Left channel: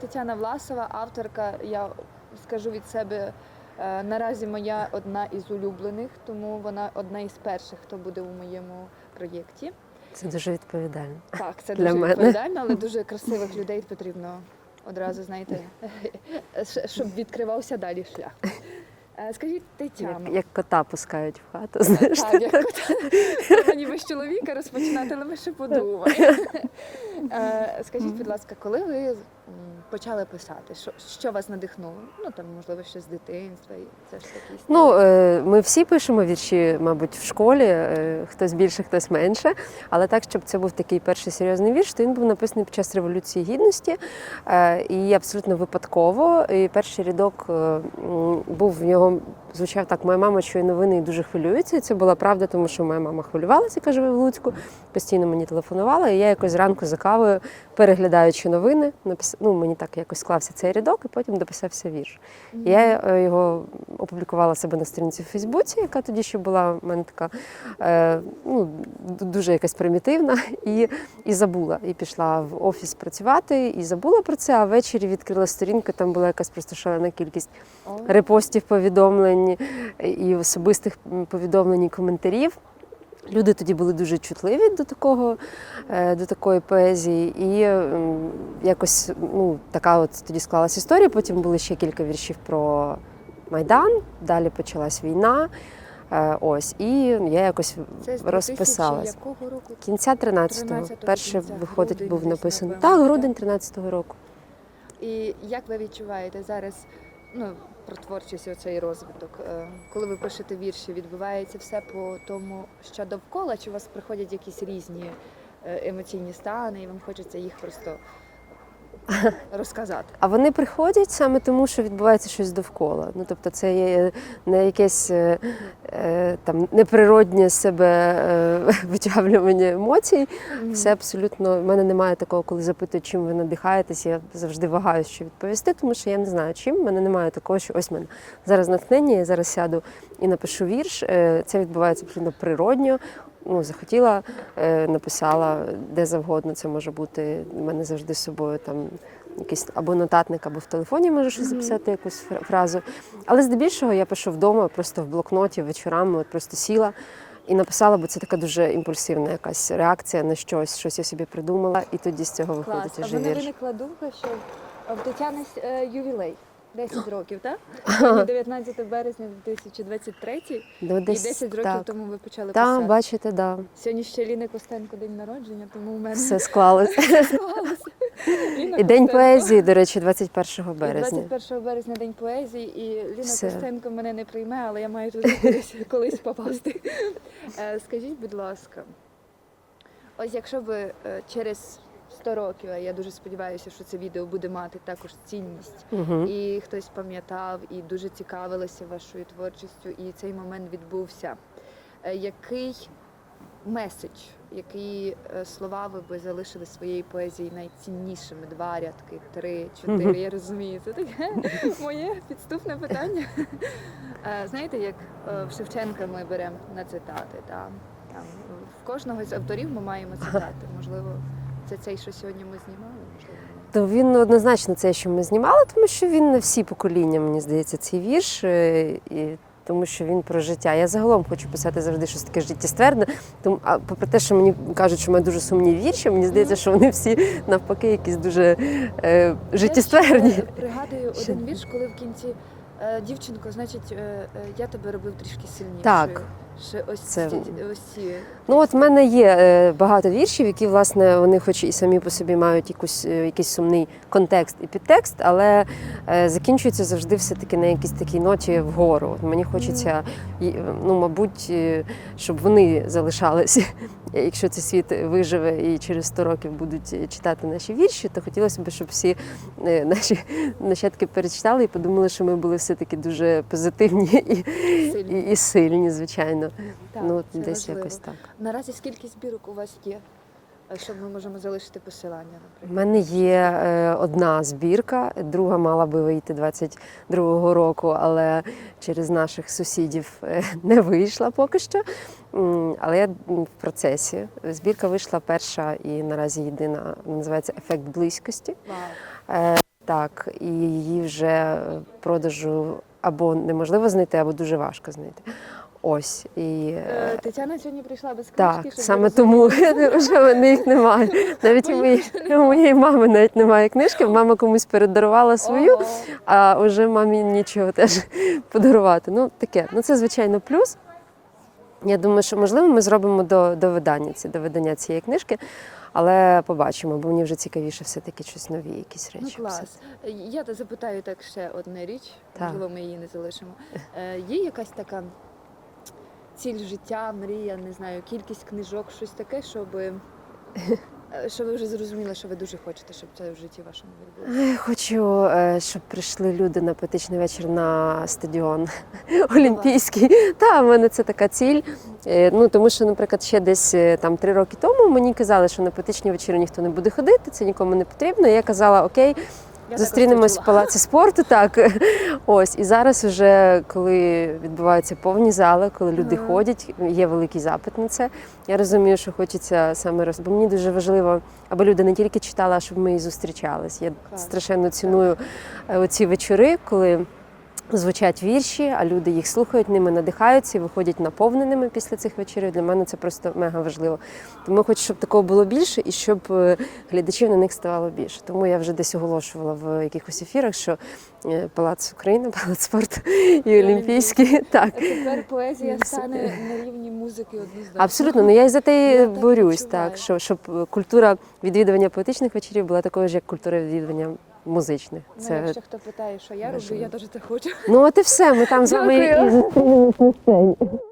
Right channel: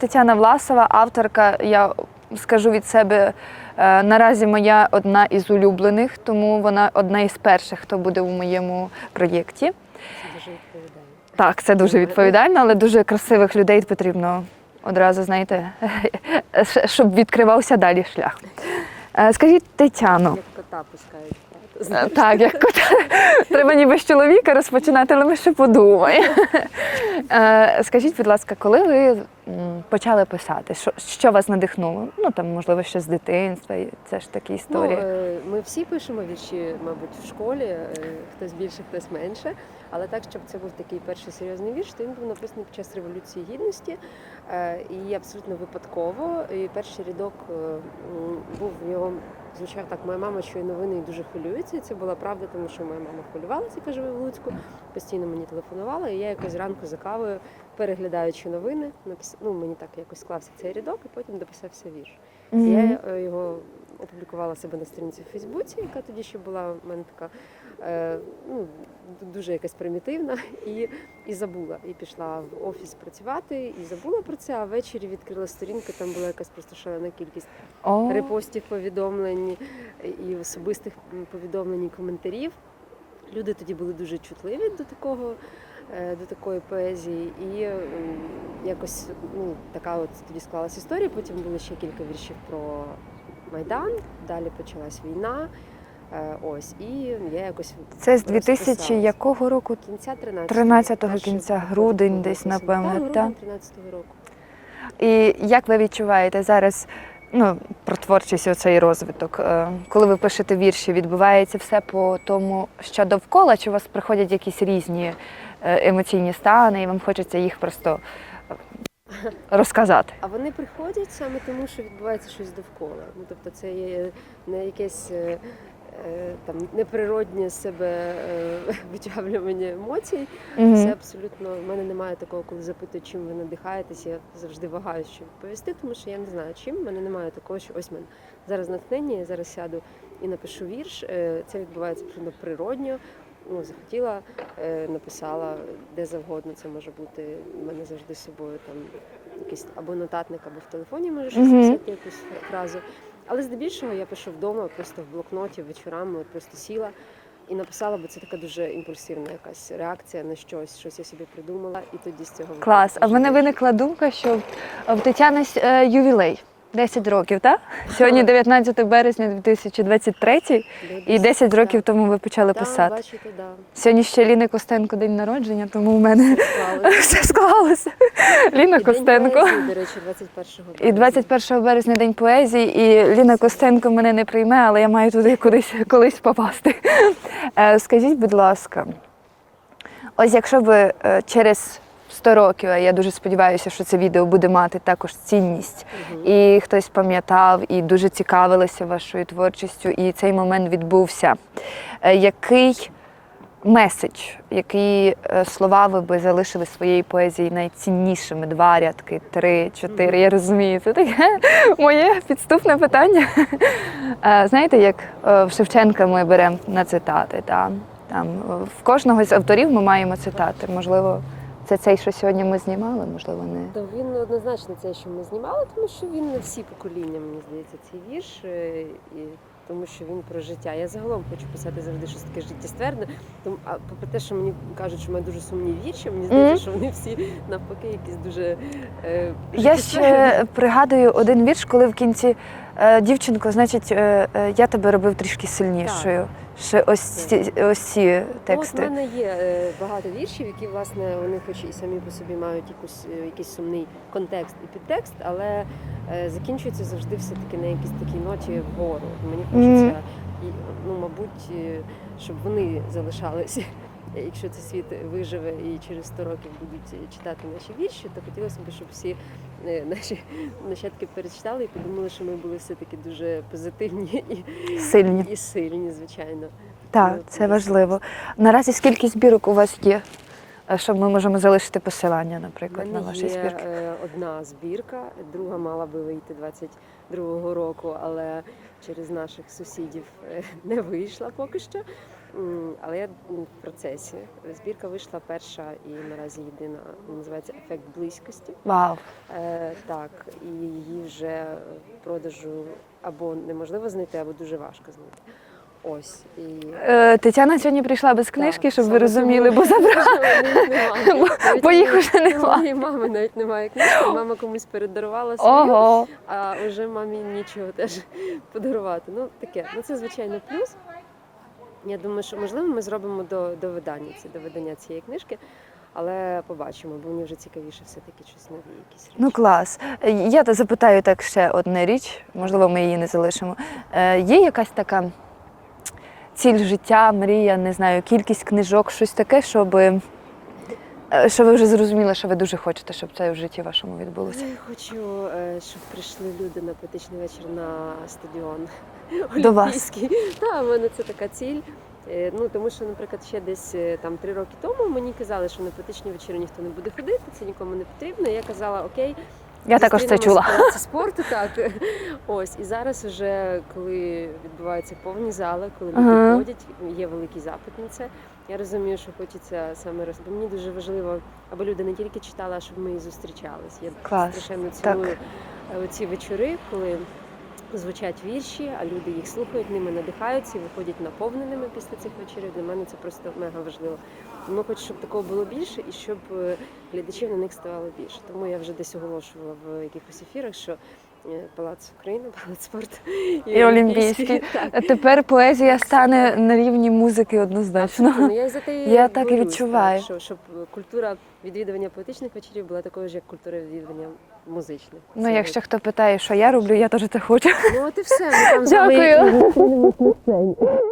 Тетяна Власова, авторка, я скажу від себе, е, наразі моя одна із улюблених, тому вона одна із перших, хто буде у моєму проєкті. Це дуже відповідально. Так, це дуже відповідально, але дуже красивих людей потрібно одразу, знаєте, щоб відкривався далі шлях. Е, Скажіть, Тетяно, Як кота пускають в хату. знаєш. так, як от, треба ніби з чоловіка розпочинати, але ми ще подумаємо. Е, Скажіть, будь ласка, коли ви почали писати? Що, що вас надихнуло? Ну там, можливо, ще з дитинства. Це ж такі Ну, історії. е, ми всі пишемо вірші, мабуть, в школі, е, хтось більше, хтось менше. Але так, щоб це був такий перший серйозний вірш, то він був написаний під час Революції Гідності. Е, І абсолютно випадково. І перший рядок був в нього. Звучав так, моя мама чує новини і дуже хвилюється. І це була правда, тому що моя мама хвилювалася, яка живе в Луцьку, постійно мені телефонувала. І я якось зранку за кавою, переглядаючи новини, напис... ну, мені так якось склався цей рядок, і потім дописався вірш. Мгм. Я е, його опублікувала себе на сторінці в Фейсбуці, яка тоді ще була в мене така е, ну, дуже якась примітивна, і, і забула. І пішла в офіс працювати, і забула про це. А ввечері відкрила сторінку, там була якась просто шалена кількість О, репостів, повідомлень і особистих повідомлень і коментарів. Люди тоді були дуже чутливі до такого, е, до такої поезії, і якось ну, така от тоді склалась історія. Потім були ще кілька віршів про Майдан. Далі почалась війна. Е, Ось, і я якось Це з 2000 якого року? кінця 13-го. 13-го кінця, грудень десь, напевно, так? грудень 13-го року. І як ви відчуваєте зараз ну, про творчість оцей розвиток? Е, Коли ви пишете вірші, відбувається все по тому, що довкола, чи у вас приходять якісь різні е, емоційні стани, і вам хочеться їх просто розказати? А вони приходять саме тому, що відбувається щось довкола. Ну тобто, це є не якесь е, е, там неприроднє себе е, витягування емоцій. Мгм. Це абсолютно в мене немає такого, коли запитують, чим ви надихаєтесь. Я завжди вагаюся, що відповісти, тому що я не знаю, чим. В мене немає такого, що ось в мене зараз натхнення, я зараз сяду і напишу вірш. Е, Це відбувається абсолютно природньо. Ну, захотіла, е, написала де завгодно. Це може бути. У мене завжди з собою там якийсь або нотатник, або в телефоні можу щось записати, якусь фразу. Але здебільшого я пишу вдома, просто в блокноті вечорами, от просто сіла. І написала, бо це така дуже імпульсивна якась реакція на щось, щось я собі придумала, і тоді з цього Клас. виходить А в мене виникла думка, що в Тетяни е, ювілей. 10 років, так? Сьогодні 19 березня 2023, Ну, і десь 10 років так. тому ви почали Так, писати. бачите, да. Сьогодні ще Ліни Костенко день народження, тому в мене Все склалося. все склалося. Ліна І день поезії, до речі, 21 березня. І 21 березня день поезії, і Ліна Все. Костенко мене не прийме, але я маю туди кудись колись попасти. Е, Скажіть, будь ласка, ось якщо ви е, через 100 років, а я дуже сподіваюся, що це відео буде мати також цінність, Мгм. і хтось пам'ятав і дуже цікавилися вашою творчістю, і цей момент відбувся. Е, Який меседж, які е, слова ви би залишили своєї поезії найціннішими? Два рядки, три, чотири. Мгм. Я розумію, це таке моє підступне питання. Е, Знаєте, як в Шевченка ми беремо на цитати. Та? Там в кожного з авторів ми маємо цитати. Можливо, це цей, що сьогодні ми знімали, можливо, не. То він однозначно це, що ми знімали, тому що він на всі покоління, мені здається, цей вірш. е, І тому що він про життя. Я загалом хочу писати завжди щось таке життєстверне. Тому, а попри те, що мені кажуть, що в мене дуже сумні вірші, мені здається, Мгм. що вони всі навпаки якісь дуже е, Я ще пригадую один вірш, коли в кінці е, дівчинко, значить, е, я тебе робив трішки сильнішою. Ще ось ці, ось ці Ну, от в мене є е, багато віршів, які, власне, вони хоч і самі по собі мають якусь, е, якийсь сумний контекст і підтекст, але е, закінчуються завжди все-таки на якійсь такій ноті вгору. Мені хочеться, ну, мабуть, щоб вони залишалися. Якщо цей світ виживе і через 100 років будуть читати наші вірші, то хотілося б, щоб всі наші нащадки перечитали і подумали, що ми були все-таки дуже позитивні і Сильні. і сильні, звичайно. Так, Ну, це важливо. Наразі скільки збірок у вас є? Е, Щоб ми можемо залишити посилання, У наприклад. мене на є збірки? е, одна збірка, друга мала би вийти 22-го року, але через наших сусідів е, не вийшла поки що. Але я в процесі. Збірка вийшла перша і наразі єдина. Називається Ефект близькості. Вау. Так, і її вже продажу або неможливо знайти, або дуже важко знайти. Ось і Е, Тетяна сьогодні прийшла без книжки, так, щоб ви розуміли. тому, що в немає. Навіть бо їх вже нема. моєї мами навіть немає книжки. Мама комусь передарувала свою, Ого. а вже мамі нічого теж подарувати. Ну таке, ну це звичайно плюс. Я думаю, що можливо ми зробимо до, до видання ці до видання цієї книжки, але побачимо, бо мені вже цікавіше все-таки щось нові, якісь речі. Ну клас. Я запитаю так ще одне річ, можливо, ми її не залишимо. Е, Є якась така ціль життя, мрія, не знаю, кількість книжок, щось таке, щоб. е, Що ви вже зрозуміли, що ви дуже хочете, щоб це в житті вашому відбулося? Я хочу, е, щоб прийшли люди на поетичний вечір на стадіон Олімпійський. Та, в мене це така ціль. Е, Ну, тому що, наприклад, ще десь там три роки тому мені казали, що на поетичні вечори ніхто не буде ходити, це нікому не потрібно. І я казала, окей, Я також це чула. в палаці спорту. Так ось і зараз, вже коли відбуваються повні зали, коли люди Ага. ходять, є великий запит на це. Я розумію, що хочеться саме роз... бо мені дуже важливо, аби люди не тільки читали, а щоб ми і зустрічались. Я Клас. страшенно ціную так. оці вечори, коли. Звучать вірші, а люди їх слухають, ними надихаються і виходять наповненими після цих вечорів. Для мене це просто мега важливо. Тому я хочу, щоб такого було більше і щоб е, глядачів на них ставало більше. Тому я вже десь оголошувала в якихось ефірах, що Палац України, Палац спорту і, І Олімпійський. Олімпійський. Так. Тепер поезія стане на рівні музики однозначно. Абсолютно, ну я і за те Я борюсь, так так, що, щоб культура відвідування поетичних вечорів була такою ж, як культура відвідування музичних. Ну, Це- якщо хто питає, що я роблю, я теж це хочу. Ну от і все. Ми там з вами